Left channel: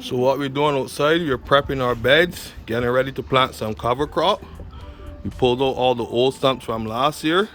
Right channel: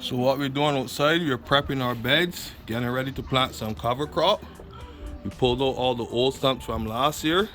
So what we're doing outside, we're prepping our beds, getting ready to plant some cover crop. We pulled out all the old stumps from last year.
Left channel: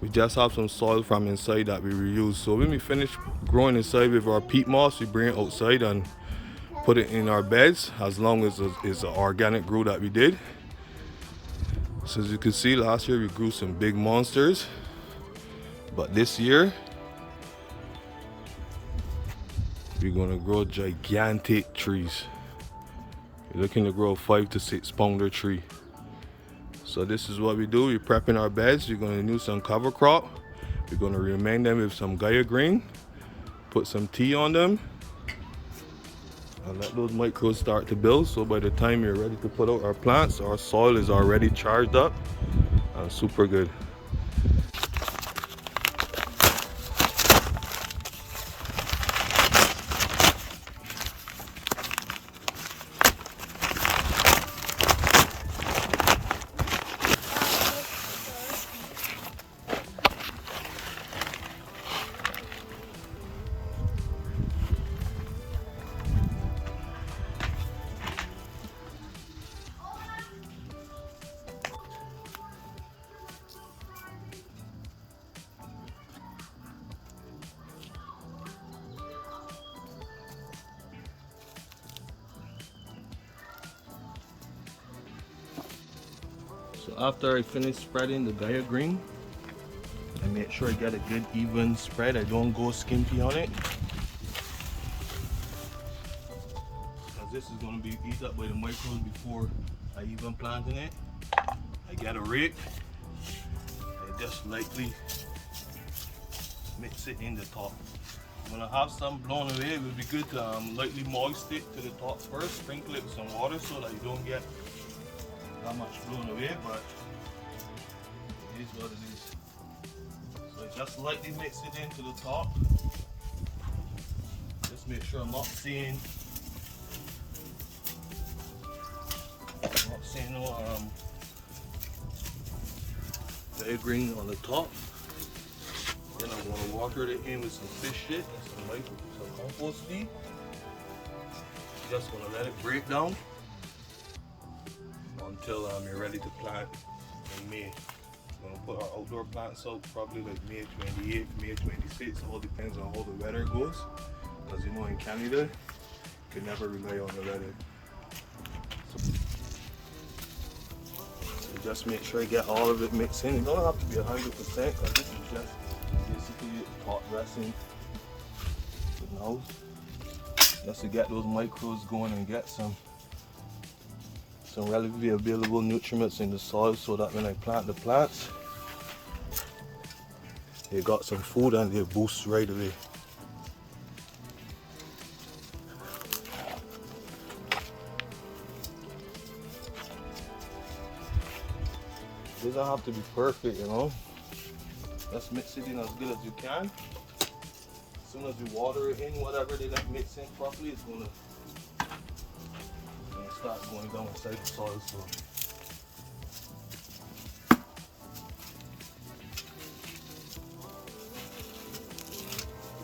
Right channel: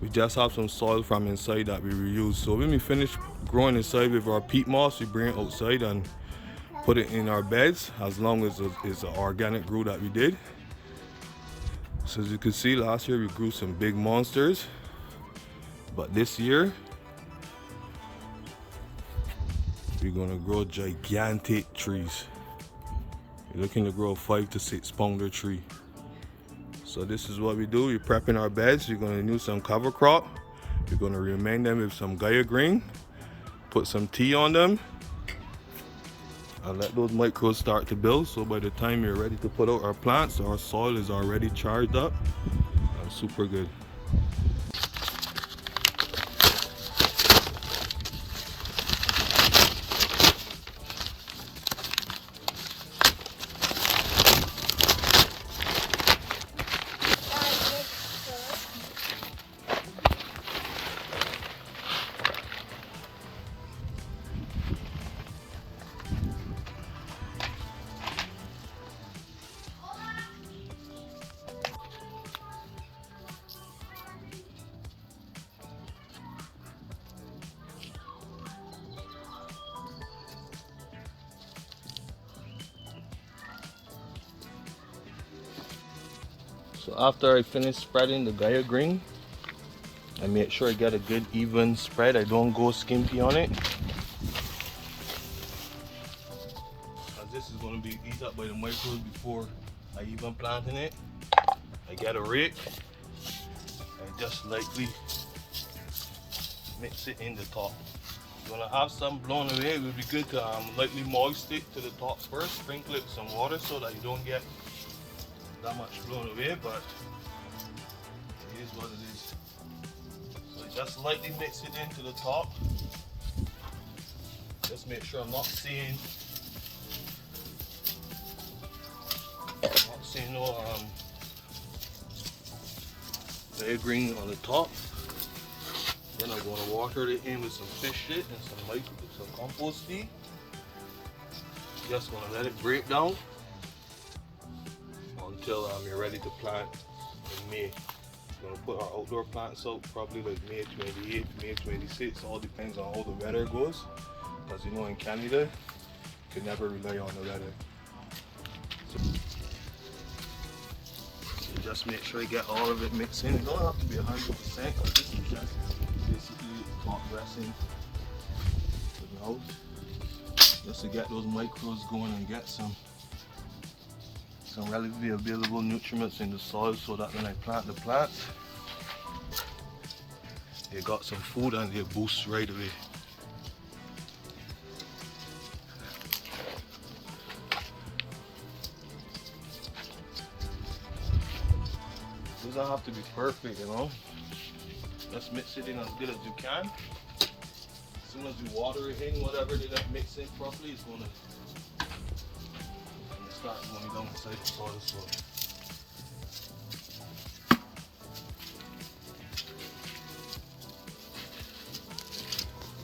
We just have some soil from inside that we reuse. So when we finish growing inside with our peat moss, we bring it outside and put it in our beds, as long as it's an organic grow that we did. So as you can see, last year we grew some big monsters, but this year we're gonna grow gigantic trees. We're looking to grow a 5 to 6 pounder tree. So this is what we do. We're prepping our beds. We're gonna use some cover crop. We're gonna remain them with some Gaia green, put some tea on them, and let those microbes start to build. So by the time we're ready to put out our plants, our soil is already charged up and super good. So after I finish spreading the Gaia green, I make sure I get a good even spread. I don't go skimpy on it, as this is going to be eaten up by the microbes before I even plant in it. I get a rake and just lightly mix it in the top. You're going to have some blown away. It would be good to lightly moist it to the top first, sprinkle it with some water so that you don't get that much blown away, but it is what it is. So just lightly mix it into the top. Just make sure I'm not seeing no Gaia green on the top. Then I'm going to water it in with some fish shit and some compost feed. Just going to let it break down until you're ready to plant in May. I'm going to put our outdoor plants out probably like May 28th, May 26th. All depends on how the weather goes. As you know, in Canada, you can never rely on the weather. So just make sure you get all of it mixed in. It don't have to be 100%, because this is just basically top dressing the nose. Just to get those microbes going and get some relatively available nutrients in the soil, so that when I plant the plants, they got some food and they boost right away. It doesn't have to be perfect, you know. Just mix it in as good as you can. As soon as you water it in, whatever they got mixed in properly, it's gonna start going down inside the soil. So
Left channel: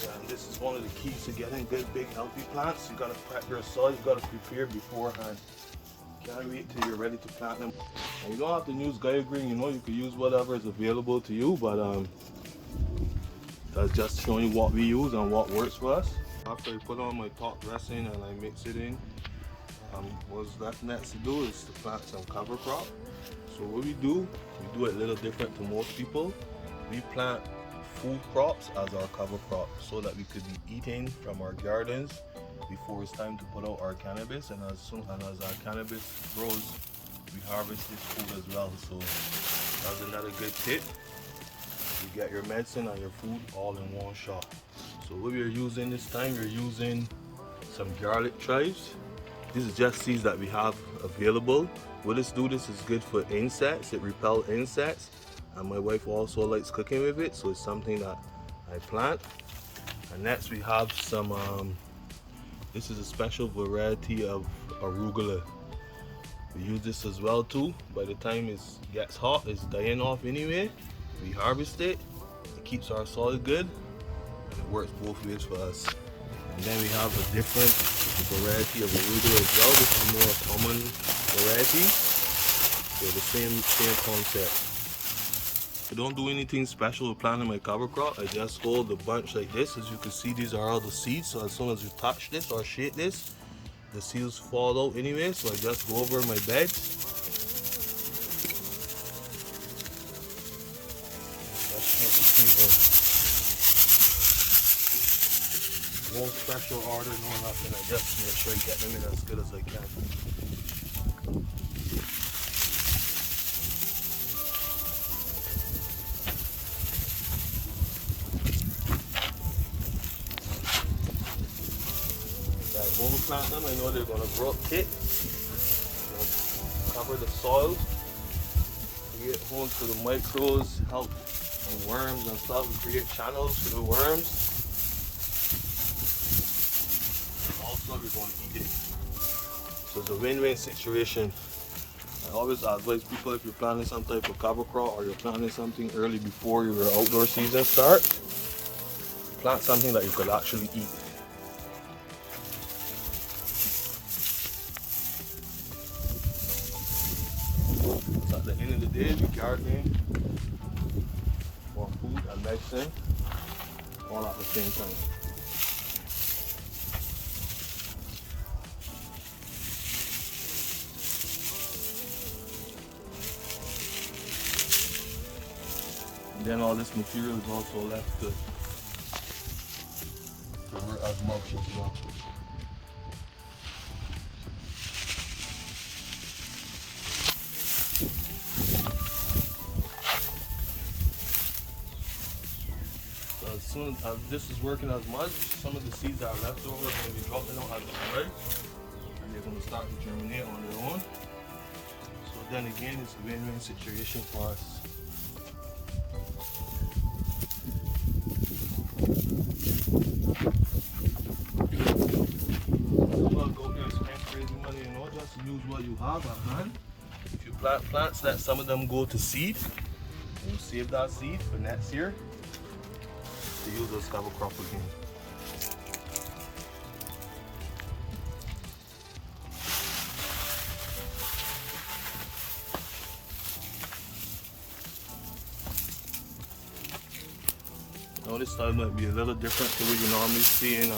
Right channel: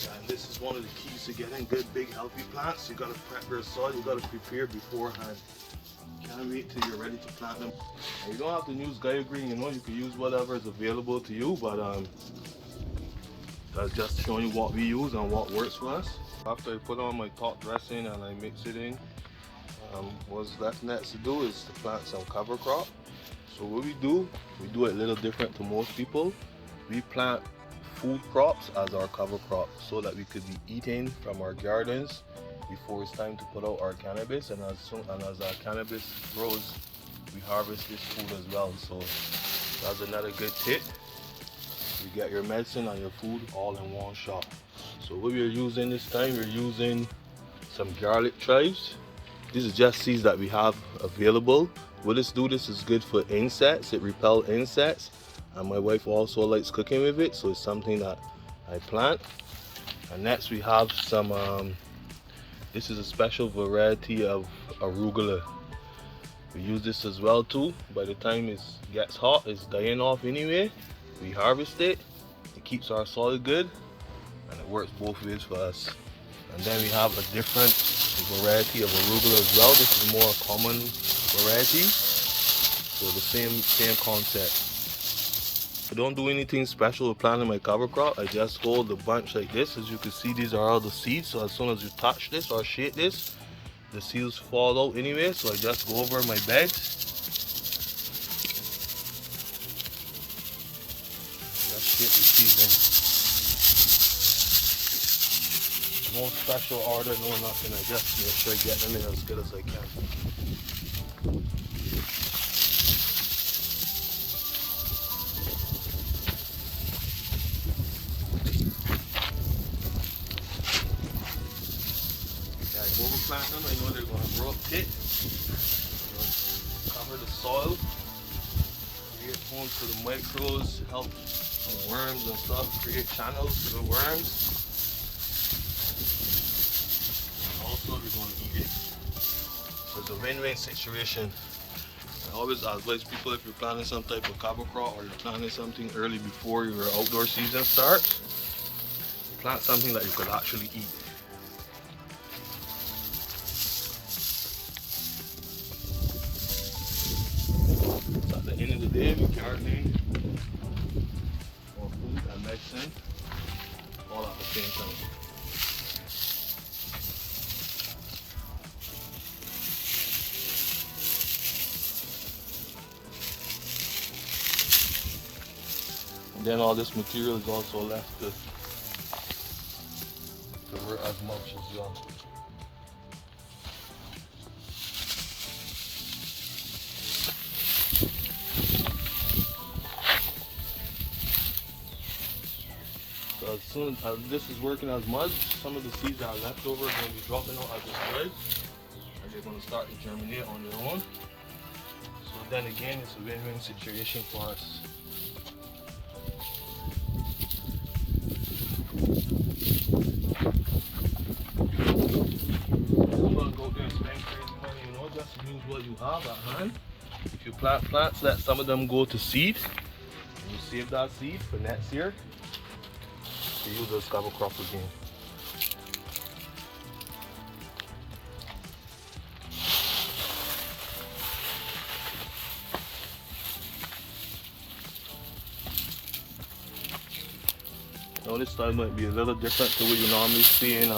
yeah, this is one of the keys to getting good, big, healthy plants. You gotta prep your soil, you gotta prepare beforehand. Can't wait till you're ready to plant them. And you don't have to use Gaia green, you know, you can use whatever is available to you, but just showing you what we use and what works for us. After I put on my top dressing and I mix it in, what's left next to do is to plant some cover crop. So what we do it a little different to most people. We plant food crops as our cover crop so that we could be eating from our gardens before it's time to put out our cannabis, and as our cannabis grows, we harvest this food as well. So that's another good tip. You get your medicine and your food all in one shot. So what we're using this time, we're using some garlic chives. These are just seeds that we have available. What this is good for insects. It repels insects, and my wife also likes cooking with it, so it's something that I plant. And next we have some this is a special variety of arugula. We use this as well too. By the time it gets hot, it's dying off anyway. We harvest it. It keeps our soil good, and it works both ways for us. And then we have a different variety of arugula as well. This is more common variety. So the same concept. I don't do anything special with planting my cover crop. I just hold the bunch like this. As you can see, these are all the seeds. So as soon as you touch this or shake this, the seeds fall out anyway. So I just go over my beds. Just shake the seeds in. No special order, no nothing. I just make sure I get them in as good as I can. When we plant them, I know they're going to grow up thick. Cover the soil, create homes for the microbes, help the worms and stuff, create channels for the worms. Also, we're going to eat it. So it's a win-win situation. I always advise people, if you're planting some type of cover crop or you're planting something early before your outdoor season starts, plant something that you could actually eat. End of the day, we're gardening for food and medicine all at the same time. And then all this material is also left to work as mulch as well. So as soon as this is working as mulch, some of the seeds that are left over are going to be dropping out as a spray, and they're going to start to germinate on their own. So then again, it's a win-win situation for us. I'm going to go there and spend crazy money, you know, just use what you have at hand. If you plant plants, let some of them go to seed, and you save that seed for next year to use those cover crops again. Now this style might be a little different to what you normally see in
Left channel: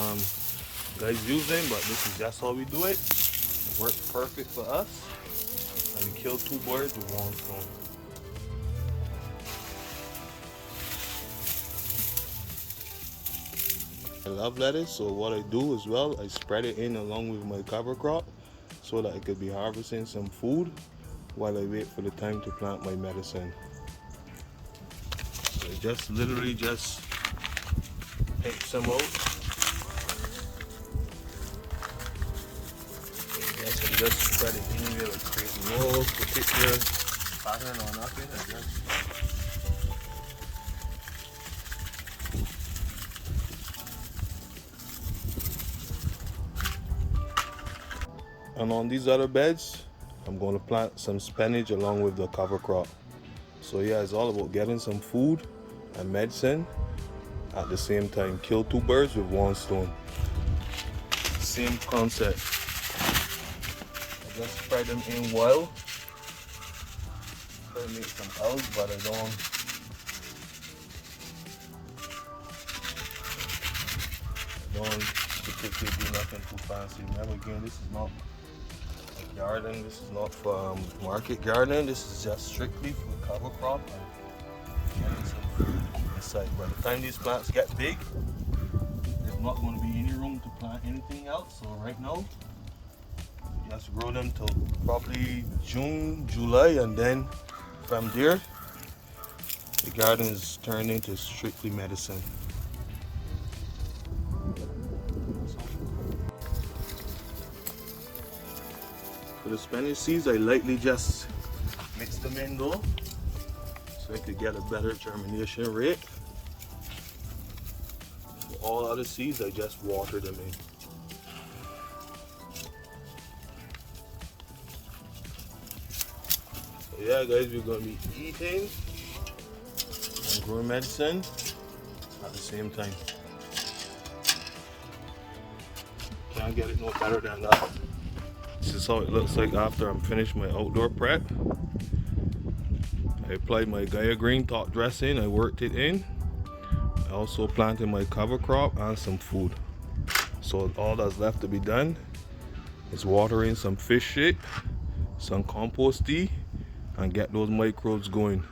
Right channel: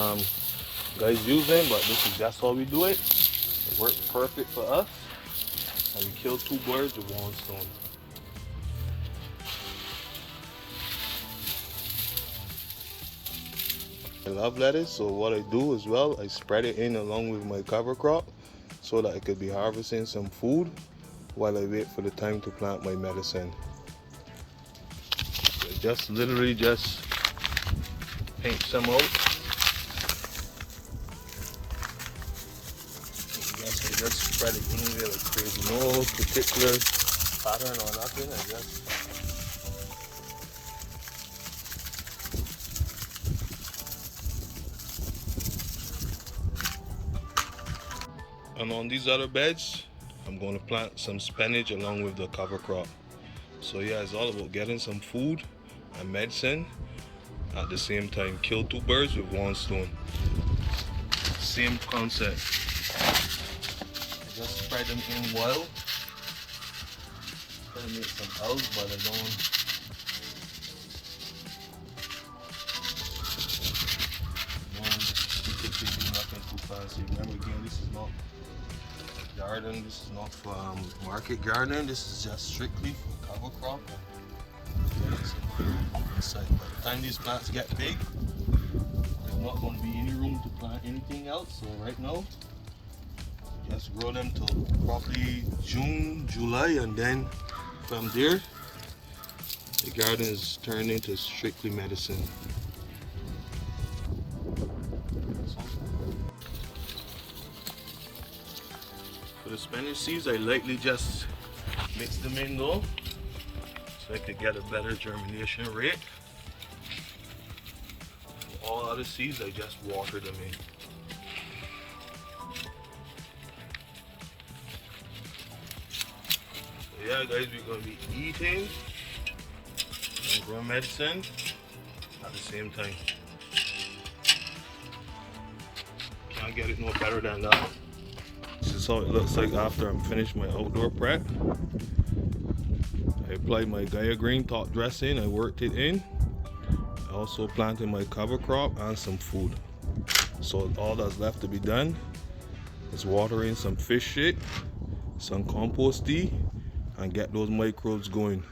guys using, but this is just how we do it. It works perfect for us, and we kill two birds with one stone. I love lettuce, so what I do as well, I spread it in along with my cover crop so that I could be harvesting some food while I wait for the time to plant my medicine. So just literally just paint some out. I just spread it anywhere like crazy. No particular pattern or nothing. I just and on these other beds, I'm going to plant some spinach along with the cover crop. So yeah, it's all about getting some food and medicine at the same time. Kill two birds with one stone. Same concept. I just spread them in wild. Try to make some house, but I don't particularly do nothing too fancy. Remember again, this is not a garden, this is not for market gardening, this is just strictly for the cover crop and getting some food inside. By the time these plants get big, there's not going to be any room to plant anything else. So right now, just grow them till probably June, July, and then from there, the garden is turned into strictly medicine. For the spinach seeds, I lightly just mix them in though, so I could get a better germination rate. For all other seeds, I just water them in. So yeah guys, we're going to be eating and growing medicine at the same time. can't get it no better than that. This is how it looks like after I'm finished my outdoor prep. I applied my Gaia Green top dressing, I worked it in. I also planted my cover crop and some food. So all that's left to be done is water in some fish shit, some compost tea, and get those microbes going.